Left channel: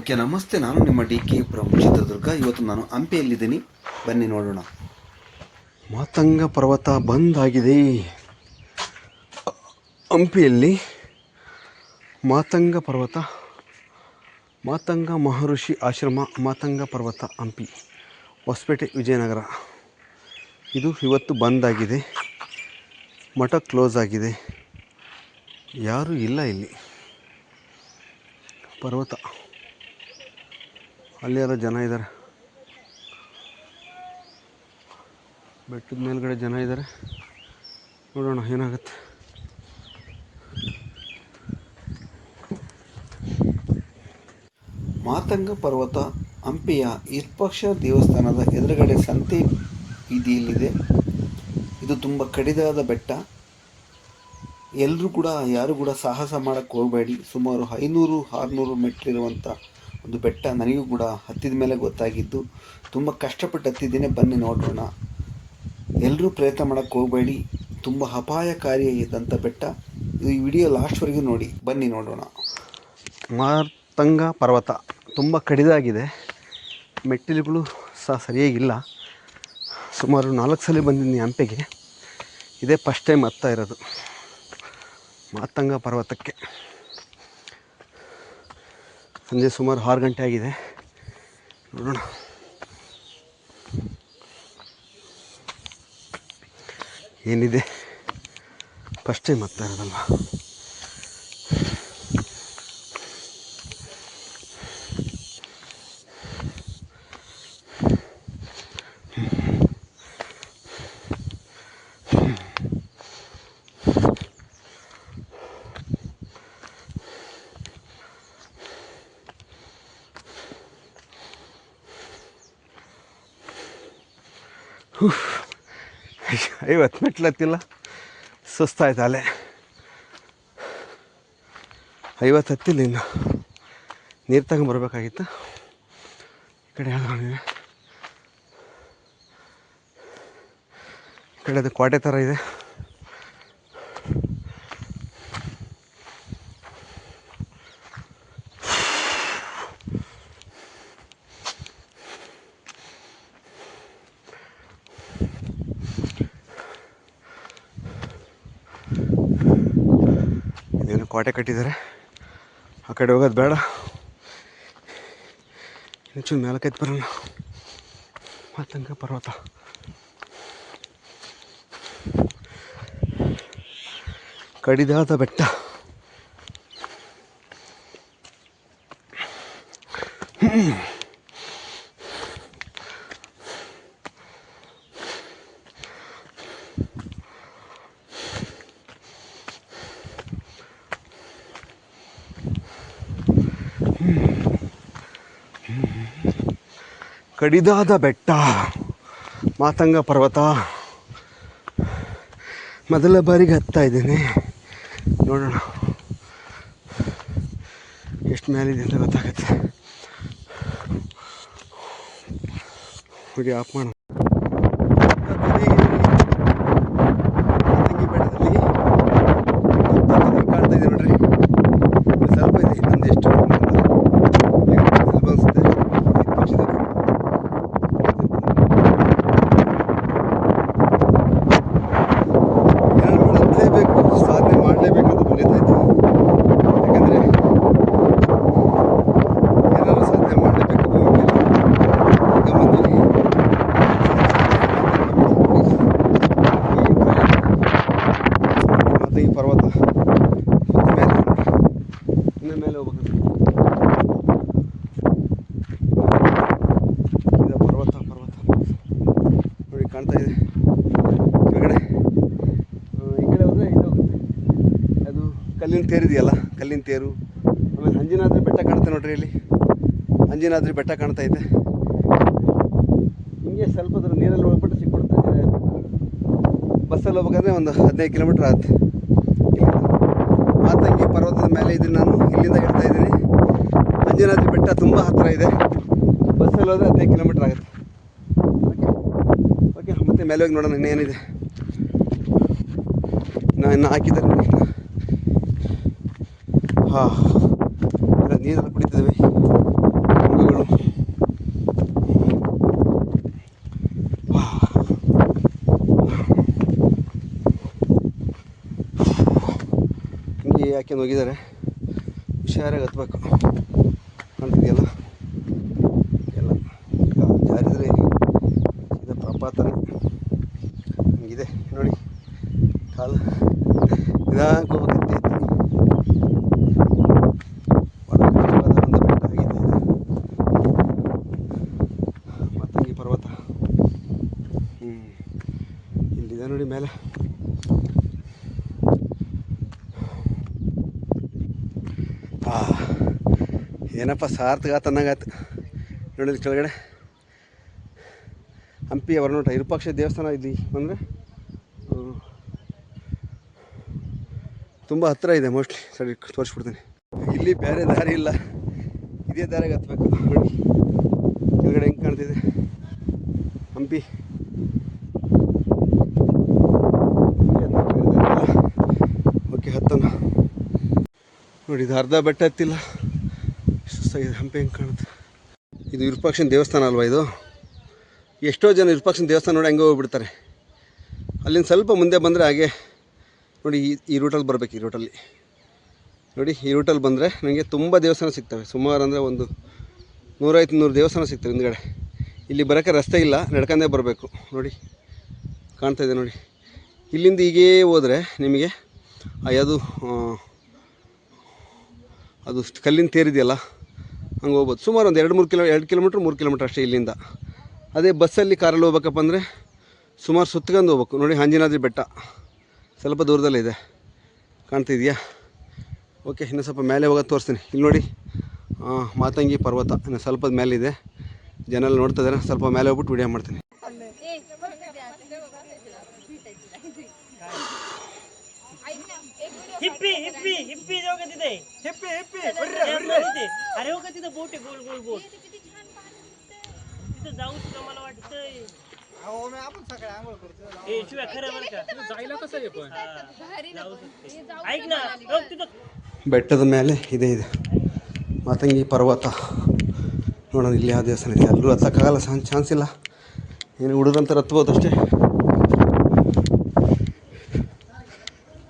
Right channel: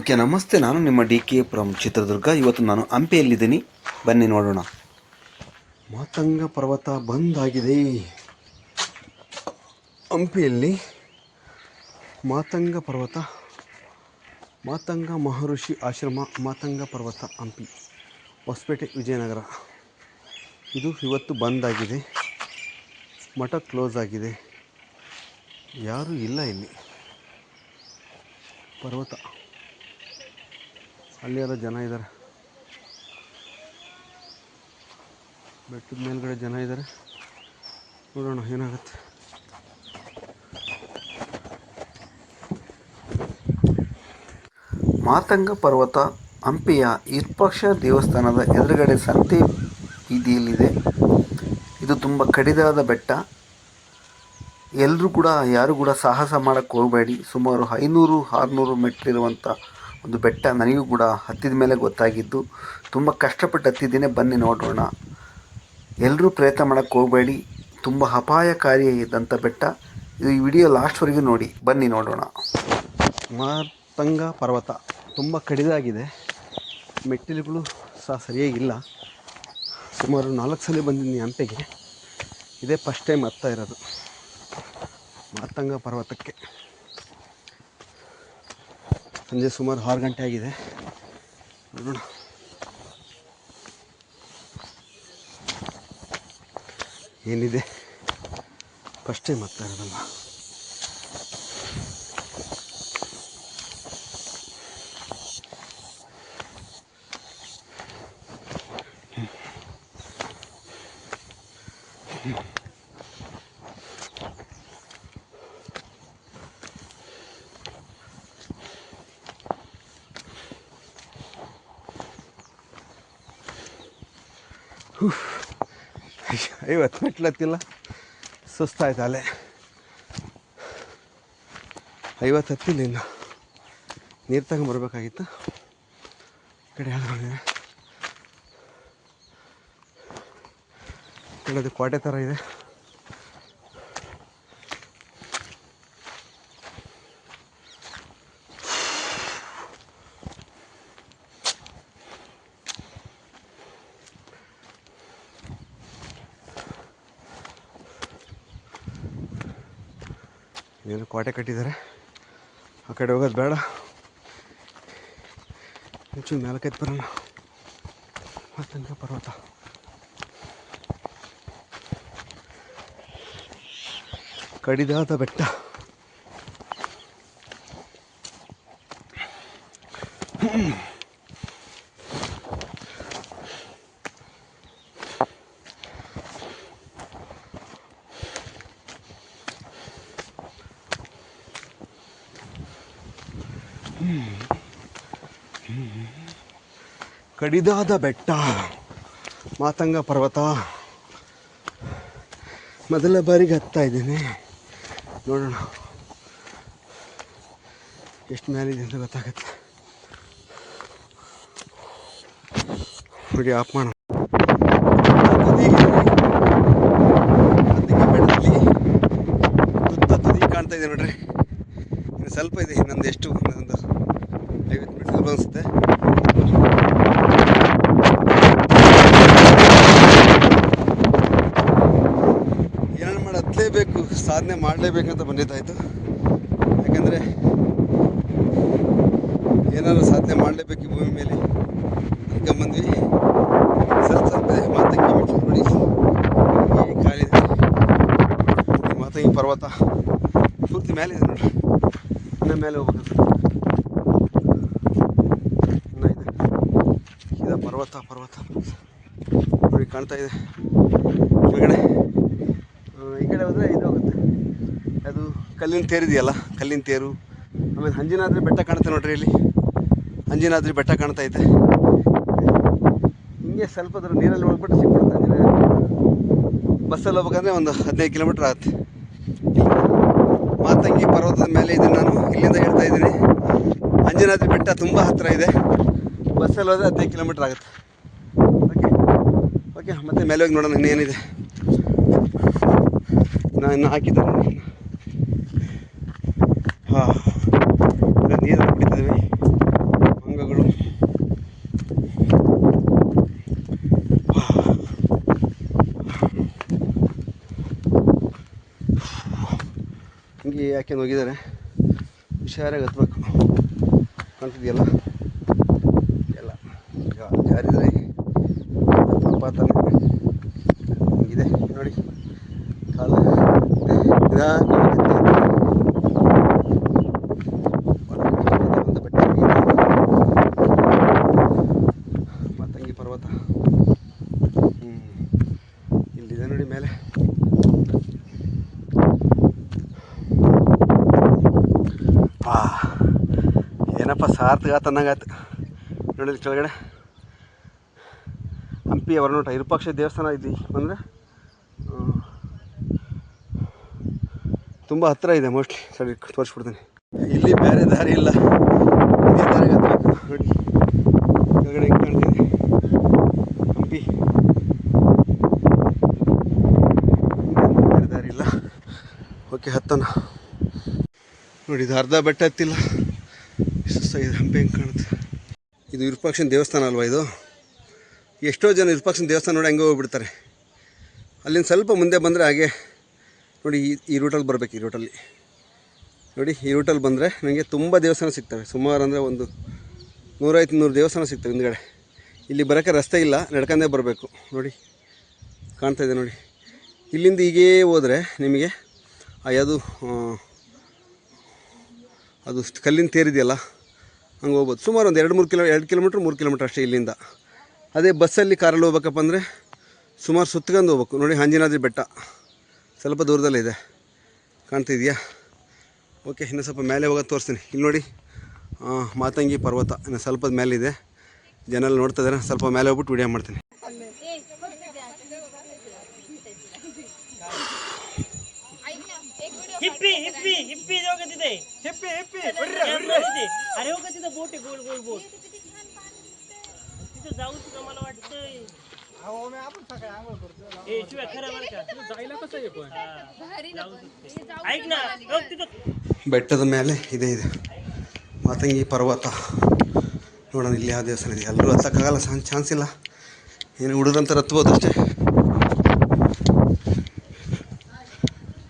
Okay, ನಮಸ್ತೆ. ನಾನು ನಿಮ್ಮ ಡಿ.ಕೆ ಫ್ರಮ್ ಚಿತ್ರದುರ್ಗ. ಇವತ್ತು ನಾನು ಹಂಪಿಯಲ್ಲಿದ್ದೀನಿ, ಬನ್ನಿ ನೋಡೋಣ. ಮಾತಂಗ ಪರ್ವತ ಬಂದ್ ಆಗಿದೆ. ಹಂಪಿಯಲ್ಲಿ ಮಾತಂಗ ಪರ್ವತ, ಮಾತಂಗ ಮಹರ್ಷಿ ಆಶ್ರಮ, ಮಾತಂಗ ಪರ್ವತ, ಹಂಪಿ, ಹೊಸಪೇಟೆ, ವಿಜಯನಗರ. ಇದು ಇವತ್ತು ಬಂದ್ ಆಗಿದೆ. ಮಠ ಕ್ಲೋಸ್ ಆಗಿದೆ, ಯಾರೂ ಇಲ್ಲ ಇಲ್ಲಿ. ಪರ್ವತ ಅಲ್ಲಿ ಯಾರೋ ಜನ ಇದ್ದಾರೆ, ಬೆಟ್ಟದ ಮೇಲ್ಗಡೆ ಜನ ಇದ್ದಾರೆ. ನೋಡೋಣ ಏನಾಗುತ್ತೆ. ಮಾತಂಗ ಪರ್ವತ ಹಂಪಿಯ ವಿರೂಪಾಕ್ಷ ದೇವಸ್ಥಾನದ ಎದುರುಗಡೆ ಸಂತೆ ಬೀದಿಯಲ್ಲಿದೆ. ಇದು ತುಂಬ ಕಡಿದಾದ ಬೆಟ್ಟ. ಯಾರು ಕೂಡ ಸಾಹಸ ಮಾಡೋಕ್ಕೆ ಹೋಗಬೇಡಿ. ಸುಮಾರು 500-600 ಮೆಟ್ಲಿರುವಂಥ ಒಂದು ಬೆಟ್ಟ. ನನಗೂ ಕೂಡ ಹತ್ತಿದ ಮೇಲೆ ಗೊತ್ತಾಗಿದ್ದು. ತುಂಬ ಕಷ್ಟಪಟ್ಟು ಹತ್ತಿದ್ದೇನೆ, ಬನ್ನಿ ನೋಡೋಣ. ಎಲ್ಲರೂ ಪ್ರಯತ್ನ ಮಾಡೋಕ್ಕೆ ಹೋಗಬೇಡಿ, ತುಂಬ ಅಪಾಯಕಾರಿ ಇದ್ದಂಥ ಬೆಟ್ಟ ಇದು. ಈ ವಿಡಿಯೋ ಲಾಸ್ಟ್ವರೆಗೂ ನೋಡಿ, ಬನ್ನಿ ನೋಡೋಣ. ಮಾತಂಗ ಪರ್ವತ ತುಂಬ ಕಡಿದಾಗಿದೆ, ಮೆಟ್ಟಿಲುಗಳು ಸಹ ಸರಿಯಾಗಿಲ್ಲ. ಸುಮಾರು 4 ಸಲ ಬಂದಿದ್ದೀನಿ ಹಂಪಿಗೆ, ಇದೇ ಫಸ್ಟ್ ಟೈಮ್ ಹತ್ತಾ ಇರೋದು ಮಾತಂಗ ಪರ್ವತಕ್ಕೆ. ಸಂಜೆ ಸುಮಾರು 6 ಗಂಟೆ ಆಗಿದೆ. ನೋಡೋಣ ಏನಿದೆ. ಫಸ್ಟ್ ಟೈಮ್ ಹತ್ತಾ ಇರೋದಲ್ವ. ಐವತ್ತು ಮೆಟ್ಲು ಹತ್ತಿಲ್ಲ, ಸುಸ್ತಾಯ್ತು. ಅಲ್ಲೇ 50 ಹತ್ತಿಲ್ಲ, ಇನ್ನು ನೀರು ತಗೊಂಬರ್ಬೇಕಾಗಿತ್ತು. ಈ ಕಡೆ ಯಾವ್ದು ಈ ಕಡೆ ಅದು ಕೋಟೆ ಥರ ಇದೆ. ಇದೇನು ಕೋಟೆ ಕಟ್ಟಿದ್ದಾರೆ, ಆ ಕಡೆ ಹೋಗೋದು ಬೇಡ. ಹೆಚ್ಚು 4-5 ಬರೋಣ. ಮಾತಂಗ ಪರ್ವತ ಕಡಿದಾದ ಬೆಟ್ಟ. ಕಡಿದಾದ ಬೆಟ್ಟ ಮಾತಂಗ ಪರ್ವತ. ಮೊದಲ ಬಾರಿಗೆ ಹತ್ತಾ ಇದ್ದೇನೆ. ನೋಡೋಣ ಎಷ್ಟು ಮೇಲಿದೆ ಅಂತ ಗೊತ್ತಾಗುತ್ತೆ. ಹೋಗಿ ಆಫ್ ಮಾಡೋಣ. ಬೆಟ್ಟದಲ್ಲಿ ಕಾಣ್ತಾ ಇದೆ ನೋಡ್ರಿ. ಸ್ವಲ್ಪ ಇದೆ, ಇನ್ನೊಂದು ಎಷ್ಟು ಸ್ವಲ್ಪ ಅನಿಸುತ್ತೆ. ಹತ್ತಲೇಬೇಕು, ಸಾಧನೆ ಮಾಡಲೇಬೇಕಂತ ಬಂದಿದ್ದಾಯ್ತು. ಯಾಕಂದರೆ ಏನಾದರೂ ಸಾಧನೆ ಮಾಡಲೇಬೇಕು ಭೂಮಿ ಮೇಲೆ. ಈಗ ಬಂದ್ವಿ ಮಾತಂಗಿ ಪರ್ವತ ಮತ್ತು ಮೇಲೆ ನೋಡಿ, ಇನ್ನು ಮೇಲೆ ಹೋಗ್ಬೇಕಂತ. ಇದು ಪರ್ವತ ನೋಡಿ ಕಾಣ್ತಾ ಇದೆ ಕೆಳಗಡೆ. ಈ ಕಡೆ ಹೋದರೆ ಇದು ಹೋಗುತ್ತೆ, ಅದು ಕಲ್ಲಿನ ತೇರು ಇದೆಯಲ್ಲ, ಕಲ್ಲಿನ ತೇರು. ಆಮೇಲೆ ಅಂಜನಾದ್ರಿ ಬೆಟ್ಟ ಕಾಣುತ್ತೆ ನೋಡ್ರಿ. ಇಲ್ಲಿ ಅಂಜನಾದ್ರಿ ಬೆಟ್ಟ ಕಾಣ್ತಾ ಇದೆ. ಹಿಂಗೆ ಸ್ವಲ್ಪ ದೂರ ನೀರಲ್ಲಿ ಹೋಗ್ಬಿಟ್ಟು ಸಿಕ್ಬಿಡುತ್ತೆ ಅಂಜನಾದ್ರಿ. ಬಸ್ಸಲ್ಲಿ ಹೋಗ್ಬೇಕಂದ್ರೆ ಒಂದು 15 ಕಿಲೋಮೀಟ್ರ್ ಆಗುತ್ತೆ. ಮಾತಂಗಿ ಪರ್ವತದ ಮೇಲೆ ಇದನ್ನು ನಾನು ಇಲ್ಲಿಂದ ಹೇಳ್ತಾ ಇದ್ದೀನಿ. ಅಂಜನಾದ್ರಿ ಬೆಟ್ಟ ತುಂಬ ಹತ್ತಿರ ಇದೆ, ಬಸ್ಸಲ್ಲಿ ಹೋದರೆ 15 ಕಿಲೋಮೀಟ್ರ್ ಆಗುತ್ತೆ. ಓಕೆ, ಮತ್ತೆ ಮೇಲೆ ಹೋಗಿ ನೋಡೋಣ ಇನ್ನೇನಿದೆ. ನಾನು ಇನ್ನು ಹಾಕಿದ್ದೆ. ಹಾಂ, ನೀರು ಕುಡಿತಿದ್ದಾವೆ ಮಂಗಗಳು. ಹಿಂಗೆ ಯಾಕೆ ಹೋಗಿದ್ದಾರೆ, ಹುಷಾರಾಗಿ ಹತ್ಬೇಕು ಅಂತಿದೆಯಲ್ಲ ಎಲ್ಲ ಜಾರಿದರೆ ಪ್ರಪಾತನೇ ಹಿಂಗಿದೆ ನೋಡಿ. ಕಾಲ ಮಾತಂಗಿ ಪರ್ವತ ಇಲ್ಲಿದೆ ನೋಡಿ ಮೇಲೆ. ಏನಪ್ಪ ಸಾರ್ಥಕ ತನ್ನಂಗಾಯ್ತು ನೋಡಿದ ಕೆಳಗಡೆ ಹಂಪಿ ಹೊರನೋಟ ವಿರೂಪಾಕ್ಷ ದೇವಸ್ಥಾನ ಇದ್ದು ಅಂದರೆ ತುಂಬ ಹತ್ತಿರ ಇದೆ. ಮೋಸ್ಟ್ಲಿ ಸರಿ ತೋರಿಸ್ಬಿಡ್ತೀನಿ. ಇಲ್ಲಿ ಬೇರೆ ದಾರಿ ಇಲ್ಲ, ಇದೇ ದಾರಿಗೆ ಹತ್ತಬೇಕು ನೋಡಿ. ಕೆಳಗಡೆ ಹೆಂಗೆ ಕಾಣ್ತಿದೆ ಹಂಪಿ. ಬೇರೆ ದಾರಿ ಇಲ್ಲ. ಓಕೆ ಹತ್ತನ ನೋಡಿ. ಇದು ಅರ್ಧ ಬೆಟ್ಟ ಹತ್ತಿಲ್ಲ, ಸುಸ್ತಾಗಿದೆ. ಹಂಪಿ ಹೆಂಗೆ ಕಾಣುತ್ತೆ. ಇದು ವಿರೂಪಾಕ್ಷನ ದೇವಸ್ಥಾನ ಅಲ್ವಾ ಇದು. ಎಷ್ಟೋ ಜನ ವಿರೂಪಾಕ್ಷನ ದೇವಸ್ಥಾನ ನೋಡಿ ಹಂಗೆ ಹೋಗ್ಬಿಡ್ತಾರೆ. ಅಲ್ಲಿಂದ ಸ್ವಲ್ಪ ಮುಂದೆ ಬಂದರೆ ಹಾಗೆ ನೋಡಿ ಈ ರೂಟಲ್ಲಿ ಬರಬೇಕು. ಈ ರೂಟಲ್ಲಿ ನೋಡಿ, ಈ ರೂಟಲ್ಲಿ ಬಂದರೆ ನನಗೆ ತುಂಬ ದೇವಸ್ಥಾನ ಸಿಗ್ತವೆ. ಸುಮಾರು ಅಂದರೆ ಒಂದು 150-300 ದೇವಸ್ಥಾನ ಸಿಗ್ತವೆ ಹಿಂದ್ಗಡೆ. ಇಲ್ಲಿ ಬರೋಕ್ಕೆ ರಸ್ತೆ ಇಲ್ಲ, ನಡ್ಕೊಂಡೇ ಬರಬೇಕು. ನೋಡಿ ಕಾಣ್ತಾಯಿದೆ ನೋಡಿ. ಇಲ್ಲಿಂದ ಹೀಗೇ ಹೋದರೆ ನಿಮಗೆ ಯಾವುದು ಅದು ಕಲ್ಲಿನ ತೇರಿದೆಯಲ್ಲ ಹಂಗೆ ಹೋಗ್ಬೋದು. ಸುಮಾರು ಒಂದು 2 ಕಿಲೋಮೀಟ್ರ್ 3 ಕಿಲೋಮೀಟ್ರ್ ಅಷ್ಟೇ ಇಲ್ಲಿಂದ. ಅದೇ ಬಸ್ಸಲ್ಲಿ ಕಾರಲ್ಲಿ ಹೋಗ್ಬೇಕಪ್ಪ ಅಂದರೆ ಸುಮಾರು ಸುತ್ಕೊಂಡು ಹೋಗ್ಬೇಕು. ನೋಡಿ ಆಂಜನಾದ್ರಿ ಬೆಟ್ಟ ಸ್ವಲ್ಪ ದೂರದಲ್ಲಿದೆ, ಕಾಣ್ತಿದೆಯಾ? ಓಕೆ, ಇನ್ನು ಸ್ವಲ್ಪ ಮೇಲೆ ಹೋಗೋದು ತೋರಿಸ್ತೀನಿ. ಇಲ್ಲಿ ನೋಡಿ ಮಾತಂಗಿ ಪರ್ವತ ಇನ್ನು ಸ್ವಲ್ಪ ಮೇಲಿದೆ. ಜನ ಎಲ್ಲ ನೋಡ್ತಾ ಇದ್ದಾರೆ. ಸ್ವಲ್ಪ ಮೇಲೆ ಹೋಗ್ಬಿಟ್ಟು ವಿಡಿಯೋ ಮಾಡ್ತೀನಿ. हिप्पी हिप्पी हिप्पी जो कहते थे हिप्पी हिप्पी अरे वो कहते थे बोट है गोल गोल बोट तिथे जाऊ तुला मला वाटतंय अहो मी आपण सकाळी आंघोळ करतो ए शिवाय खरं बरं का जायला कसं आहे पण ऐक ना बघ तिथे ಬೆಟ್ಟದ ಮೇಲೆ ಇದೆ ಮಾತಂಗಿ ಪರ್ವತ ನೋಡೋಣ. ಇಲ್ಲಿ ಯಾವ ದೇವಸ್ಥಾನ ಇದೆ. ಎಲ್ಲರೂ ಹತ್ತಕ್ಕಾಗಲ್ಲ, ಚಾನ್ಸ್ ಇಲ್ಲ. ಏನು ಹುಡುಗರಂತ ಹತ್ಬೋದು ಅಷ್ಟೇ,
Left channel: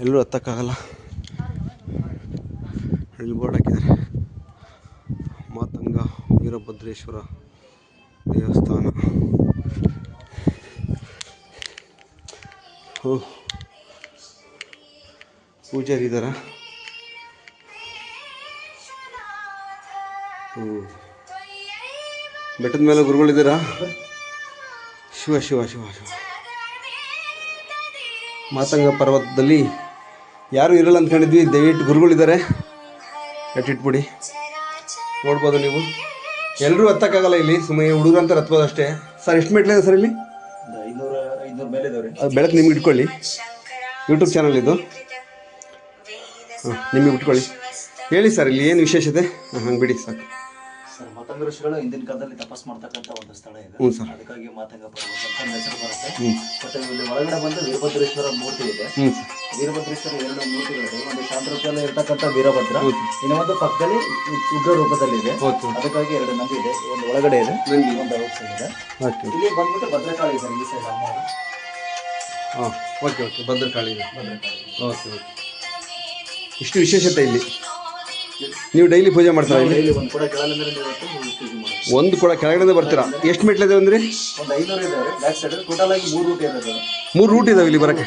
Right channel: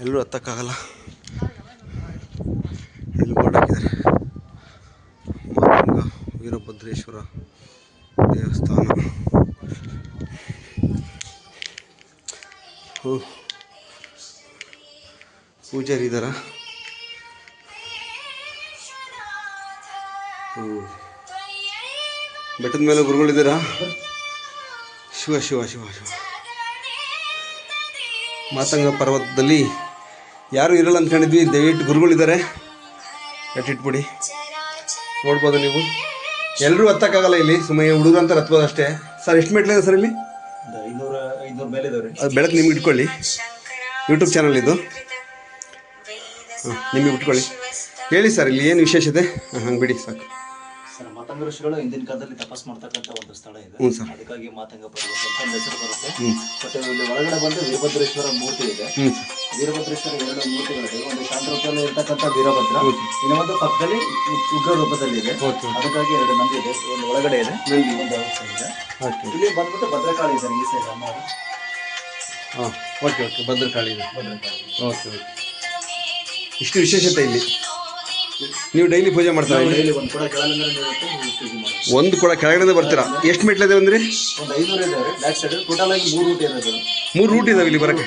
ಎಲ್ಲರೂ ಹತ್ತಕ್ಕಾಗಲ್ಲ. ಇಲ್ಲಿ ಬೋರ್ಡ್ ಹಾಕಿದ್ದಾರೆ, ಮಾತಂಗ ವೀರಭದ್ರೇಶ್ವರ ದೇವಸ್ಥಾನ. ಪೂಜಾರಿ ಇದ್ದಾರ. ಬೆಟ್ಟದ ಮೇಲೆ ಗುರುಗಳಿದ್ದೀರಾ? ಶಿವ ಶಿವ ಶಿವ ಶಿವ. ಮಾತಂಗ ಪರ್ವತದಲ್ಲಿ ಯಾರೂ ಇರಲ್ಲ ಅಂದ್ಕೊಂಡಿದ್ವಿ. ದಯವಿಟ್ಟು ಗುರುಗಳಿದ್ದಾರೆ, ಇಟ್ಬಿಡಿ. ನೋಡ್ಬೋದು ನೀವು. ಎಲ್ಲರೂ ಹತ್ತಕ್ಕಾಗಲ್ಲ ಇಲ್ಲಿ, ಸುಮ್ಮನೆ ಹುಡುಗರು ಅಂತ ಹತ್ಬೋದು ಅಷ್ಟೇ. ಸರ್ ಎಷ್ಟು ಮೆಟ್ಲಿದೆ ಸರ್ ಇಲ್ಲಿ? 500 ಮೇಲೆ ಇದಾವೆ. ಅದು ಬೆಳಕು ನಿಮ್ಗೆ ಇಟ್ಕೊಳ್ಳಿ. ಯೂಟ್ಯೂಬ್ ಚಾನಲ್ ಇದು. ನಿಮಗೆ ಇಟ್ಕೊಳ್ಳಿ. ಹೇಳಿ ಸರ್, ಇಲ್ಲಿ ಏನು ವಿಶೇಷತೆ? ಹಂಗೆ ಬಿಡಿ ಸಾಕು. ಸರ್, ಮಾತಂಗ ಋಷಿಗಳು ಹಿಂದಿನ ಕಾಲದಲ್ಲಿ ತಪಸ್ ಮಾಡ್ತಕ್ಕಂಥ ಒಂದು ಸ್ಥಳ ಇದೆ. ಹ್ಞೂ ಸರ್. ಅದಕ್ಕಾಗಿ ಮಾತಂಗ ಪರ್ವತ ಅಂತ ಹೆಸರು ಬರುತ್ತೆ. ಬಟ್ ಇಲ್ಲಿ ಒಳಗಡೆ ಬಂದು ವೀರಭದ್ರೇಶ್ವರ ಮೂರ್ತಿ ಇದೆ. ವೀರಭದ್ರೇಶ್ವರ 2 ಮೂರ್ತಿಗಳಿದೆ. ಒಂದು ಶಾಂತ ರೂಪದಲ್ಲಿ ಇರ್ತಕ್ಕಂಥ ವೀರಭದ್ರ, ಇನ್ನೊಂದು ಪಕ್ಕದಲ್ಲಿ ಉಗ್ರ ರೂಪದಲ್ಲಿ ಇದೆ. ಅದಕ್ಕಾಗಿ 2 ನಂದಿ ಇದೆ. ಒಂದು ಒಳಗಡೆ ಇದೆ, ಒಂದು ಔಟ್ಸೈಡ್ ಇದೆ. ಇಲ್ಲಿ ಬಂದ್ಬಿಟ್ಟು ಭದ್ರಕಾಳಿ ಇದೆ ಈ ಸೈಡ್ ಅಮ್ಮ. ಹಾಂ, ಓಕೆ ಓಕೆ. ಭದ್ರಕಾಳಿ ಇದೆ. Okay okay. ಇಷ್ಟು ವಿಶೇಷತೆ ಇಲ್ಲಿ. ನೀವು ಡೈಲಿ ಪೂಜೆ ಮಾಡ್ತಾರೆ? ಒಂದು ಕೂಡ ಕೆಳಗಡೆ ಬರ್ತೀರಾ? ಎಷ್ಟು ಮೆಟ್ಲಿದೆ ಅಂದ್ರೆ? ಒಂದು 500 ಇದಾವೆ ಬ್ಯಾಕ್ ಸೈಡ್. ಟೋಟಲ್ ಆಗಿ 3 ರೂಟ್ ಇರೋದು. 3 ರೂಟ್ ಇದಾವೆ ಇಲ್ಲಿ ಬರಕ್ಕೆ.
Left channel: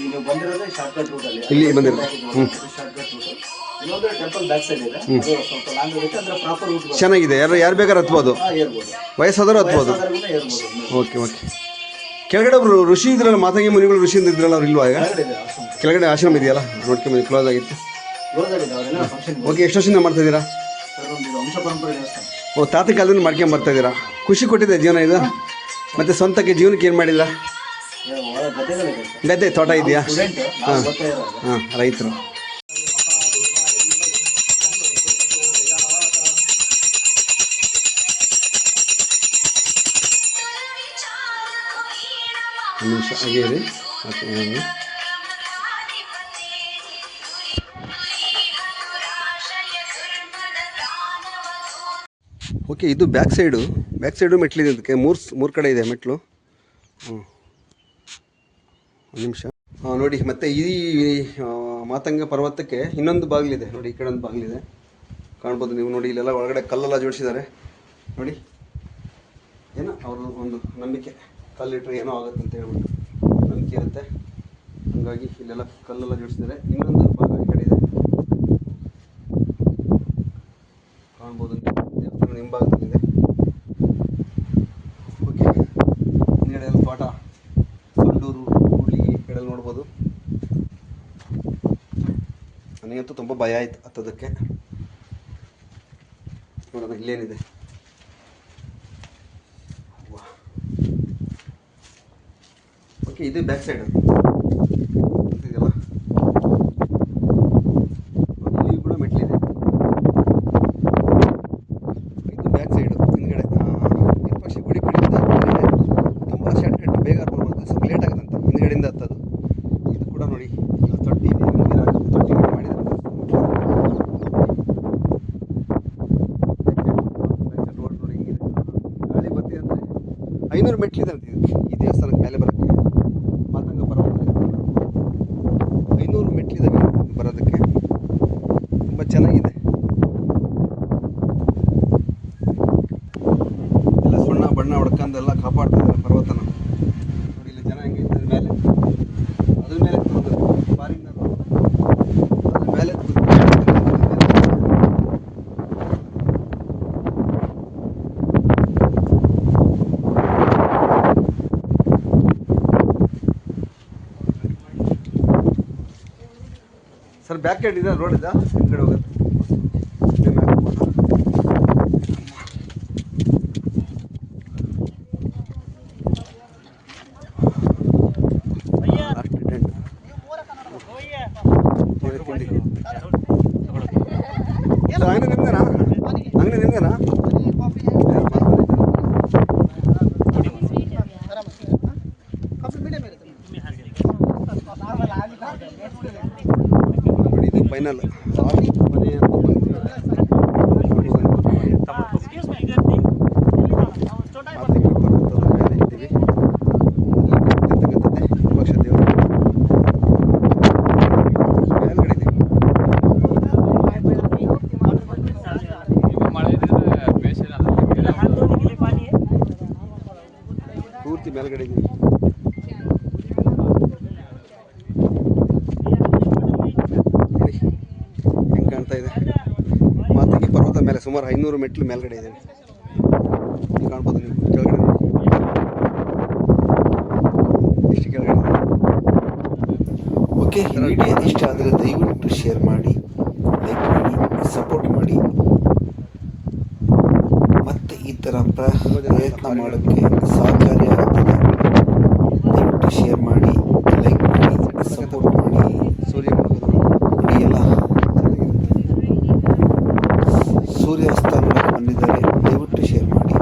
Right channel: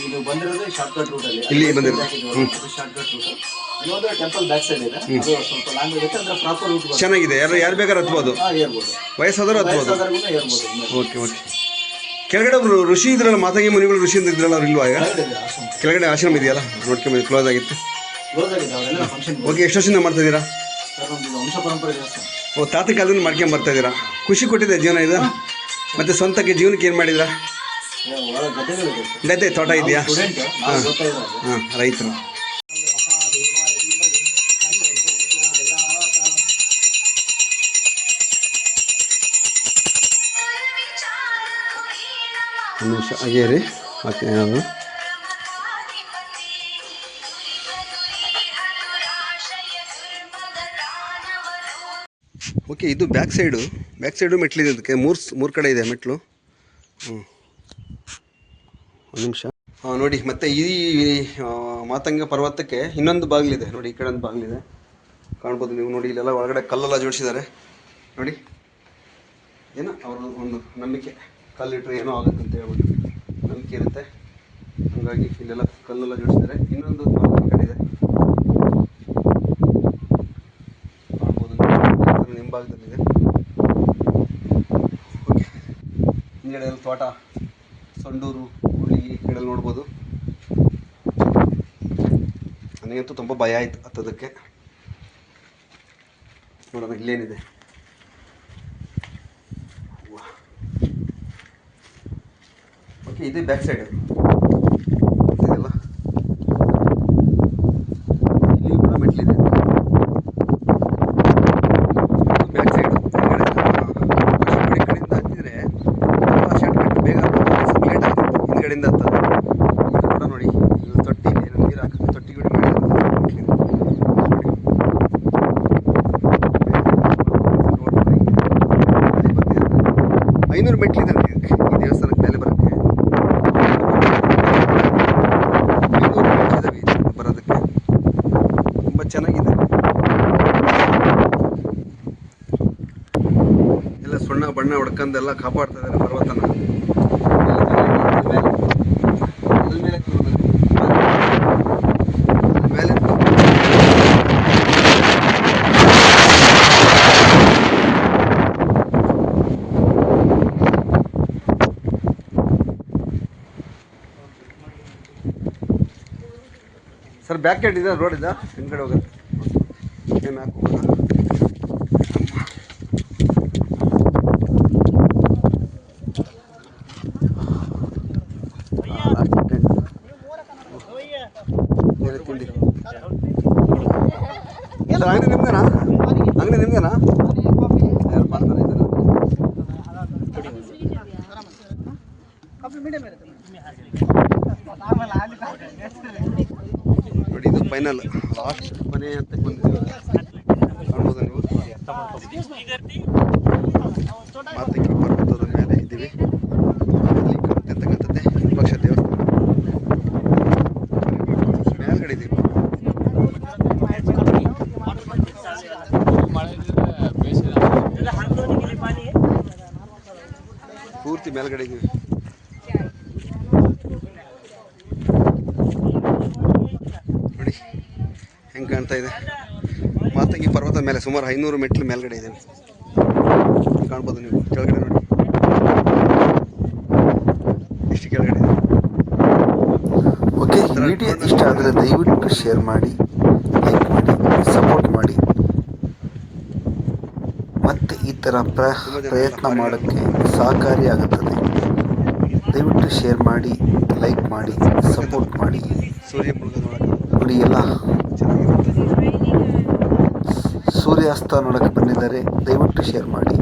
ಈಗ ಬಂದಿರೋದು ಶಾರ್ಟ್ ಕಟ್ ರೂಟ್ ಅಲ್ಲಿ. ಇಲ್ಲಿ ಬಂದಿರೋದು ಶಾರ್ಟ್ ಕಟ್ ರೂಟ್. ಇನ್ನೊಂದು ಟೆಂಪಲ್ ಬ್ಯಾಕ್ ಸೈಡ್ ಇದೆ, ಅದು ಸ್ವಲ್ಪ ಲಾಂಗ್ ಇರುತ್ತೆ. ಅಂದ್ರೆ ಪ್ರಾಪರ್ ರೂಟ್ ಚೆನ್ನಾಗಿದೆ. ಯಾರು ಬೇಕಾದ್ರೂ ಹತ್ಬೋದು, ಏರ್ಬೋದು, ವಯಸ್ಸಾದರೂ ಹತ್ಬೋದು. ಏರ್ಬೋದು. Okay okay. ಕೆಳಗಡೆ ಒಬ್ರು ಋಷಿ ಇದ್ರಲ್ಲ, ಮಾತಂಗಿ ಮುನಿಗಳು ಋಷಿ ಅಂತ ಇದ್ರಲ್ಲ, ಅವ್ರು ಇಲ್ವಾ? ಕೆಳಗಡೆ ಆಶ್ರಮ ಇದೆಯಲ್ಲ, ನೋಡ್ಕೊಂಬ ಕ್ಲೋಸ್ ಆಗಿತ್ತು. ಓಕೆ. ಎಷ್ಟು ವರ್ಷದಿಂದ ಮಾಡ್ತಾ ಇದ್ದೀರಾ? ವಂಶ ಪರಂಪರೆ ದೇವಸ್ಥಾನ. ಓ, ತಾತ ಕಾಲದಿಂದ ಮಾಡ್ಕೊಂಡು ಬರ್ತಾ ಇದ್ದೀರಾ. ಖುಷಿ ಕೊಟ್ಟಿದೆ ಜೀವನ ಇದು. ಮತ್ತೆ ಸ್ವಂತಕ್ಕೆ ಜೀವನಕ್ಕೆ ಏನು ಮಾಡಿದ್ರಾ? ಗದ್ದೆ ತೋಟ ಇದೆಯಾ? ಹಾಂ, ರೈತರು. ಒಂದು ನಿಮಿಷ ಹಾಗೇ ರೀ. ಓಕೆ. ನಾನು ಓಕೆ, ಇದು ಬ್ಯಾಕ್ ಸೈಡು ಮೆಟ್ಲಿದೆ. ಅದಕ್ಕೆ ಮೂರು ಕಡೆ ಇದೆ ಮೆಟ್ಲು. ಒಂದು ನಿಮಿಷ. ನೋಡಿ, ಮತ್ತು ಈ ಮಾತಂಗ ಪರ್ವತಕ್ಕೆ ಇನ್ನೊಂದು ಬಾಗಿಲಿದೆ ನೋಡಿ. ಈ ಕಡೆ ಒಂದು ಬಾಗಿಲಿದೆ, ಕಾಣ್ಬೋದು ನೀವು. ನೋಡಿ, ಇಲ್ಲೆಲ್ಲ ಒಳಗಡೆ ಕಲ್ಲೆಲ್ಲ ಜೋಡಿಸಿದ್ದಾರೆ ನೋಡಿ. ಏನೋ ಅವರು ಒಂದು ನಂಬಿಕೆ, ಕಲ್ಲಿಟ್ಟರೆ ಏನೋ ಆಗುತ್ತೆ ಅಂತ ಹೇಳ್ಬಿಟ್ಟು ನಂಬಿಕೆ ಇರುತ್ತೆ. ಹಾಗಾಗಿ ಇಲ್ಲೆಲ್ಲ ಕಲ್ಲೆಲ್ಲ ಜೋಡಿಸಿದ್ದಾರೆ. ಇನ್ನೊಂದು ಕಡೆ ಇದೆ, ಕಾಣ್ಬೋದು ಹಿಂಭಾಗದಲ್ಲಿದೆ. ಓಕೆ, ಹಿಂಗಡೆ ಎಲ್ಲ ಪಾಠ ಸಂಡೂರು ಹುಲಿ ಕಡೆ ನೋಡ್ಬೋದು. ನನಗಂತೂ ತುಂಬ ಭಯ ಆಯಿತು ಹತ್ತೋದಕ್ಕೆ. ನೋಡೋಣ ಇಲ್ಲೇನಿದೆ. ಓಕೆ, ಇದು ಬ್ಯಾಕ್ ಸೈಡ್. ಇದೆಲ್ಲ ಇಲ್ಲಿ ಕೂಡ ಮೆಟ್ಲಿದೆ. ಇದು ಬ್ಯಾಕ್ ಸೈಡು. ಕಷ್ಟಪಡಿ ಕಡೆಯಿಂದ ಹತ್ತಿದ್ರೆ ತುಂಬ ಶಾರ್ಟ್ ಕಟ್, ಬೇಗ ಸ್ವಲ್ಪ ಲೇಟ್ ಆಗುತ್ತೆ ಹಿಂದ್ಗಡೆಯಿಂದ ಹತ್ತೋದು. ಇದು ಕೂಡ ನೋಡಿ, ಈಗ ತೊಟ್ಟಿ ನೀರು ಹಾಕುತ್ತೆ. ತೊಟ್ಟಿ 500 ಮೆಟ್ಲಿದೆ ಈ ದೇವಸ್ಥಾನಕ್ಕೆ ಮೇಲೆ ಬರೋಕ್ಕೆ. 500 ಮೆಟ್ಲಿದ್ದಾವೆ ಬರೋದಕ್ಕೆ. ತುಂಬ ಚೆನ್ನಾಗಿದೆ. ಎಲ್ಲ ಸುಣ್ಣ ಬಣ್ಣ ಹೊಡ್ಕೊಂಡೆಲ್ಲ ಕಾಪಾಡ್ತಾ ಇದ್ದಾರೆ ಪರ್ವತನ. ಮೇಲೆ ಸರ್ ಬ್ಯಾಕ್ ಸೈಡ್ ಇದೆ, ರೋಡ್ ಇದೆ, ಹಿಂದ್ಗಡೆ ಹೋಗುತ್ತೆ. ತಿಂಡಿ ಅಂಗಡಿ ನಿಮ್ದೇನಾ? ಅಂಗಡಿ ನಿಮ್ದೇನಾ? ನೋಡಿ, ಇದು ಫೈನಲ್ ಲಾಸ್ಟ್ ಮನೆ ಅಂತ ಬಂದಿದ್ದೀವಿ. ಮಾತಂಗಿ ಪರ್ವತದ ಮೇಲೆ ಇದ್ದೀವಿ. ಇರ್ತಕ್ಕಂಥದ್ದೇ ವಿರೂಪಾಕ್ಷ ದೇವಸ್ಥಾನ ಮೇಲ್ಗಡೆ ಇದ್ದೀವಿ. ಪೂರ್ತಿ ಮೇಲ್ಗಡೆ ಇದ್ದೀವಿ. ನೋಡಿ ಹೆಂಗೆ ಕಾಣ್ತಾ ಇದೆ. ಮಾತಂಗಿ ಪರ್ವತ ಮೇಲೆ ಸುಮಾರು 500 ಮೆಟ್ಲು ಮೇಲ್ಗಡೆ ಇದೆ. ಕಾಣ್ಬೋದು ನೀವು ಕೆಳಗಡೆ ನೋಡಿ, ಇಷ್ಟು ಕೆಳಗಡೆ ಇದೆ. ಓಕೆ, ವಿಡಿಯೋ ಇಷ್ಟ ಆದರೆ ದಯವಿಟ್ಟು ಶೇರ್ ಮಾಡಿ, ಲೈಕ್ ಮಾಡಿ, ಸಪೋರ್ಟ್ ಮಾಡಿ. ಮತ್ತೆ ಈ ಥರ ಪ್ರಯತ್ನ ಮಾಡೋಕ್ಕೆ ಸಹಕಾರಿಯಾಗುತ್ತದೆ. ದಯವಿಟ್ಟು ಶೇರ್ ಮಾಡಿ, ಲೈಕ್ ಮಾಡಿ, ಸಪೋರ್ಟ್ ಮಾಡಿ. ಸೂರ್ಯ ನೋಡಿ, ಎಲ್ಲ ಸೂರ್ಯಾಸ್ತ ನೋಡಕ್ಕೆ ಬಂದಿದ್ದಾರೆ. ದಯವಿಟ್ಟು ಶೇರ್ ಮಾಡಿ.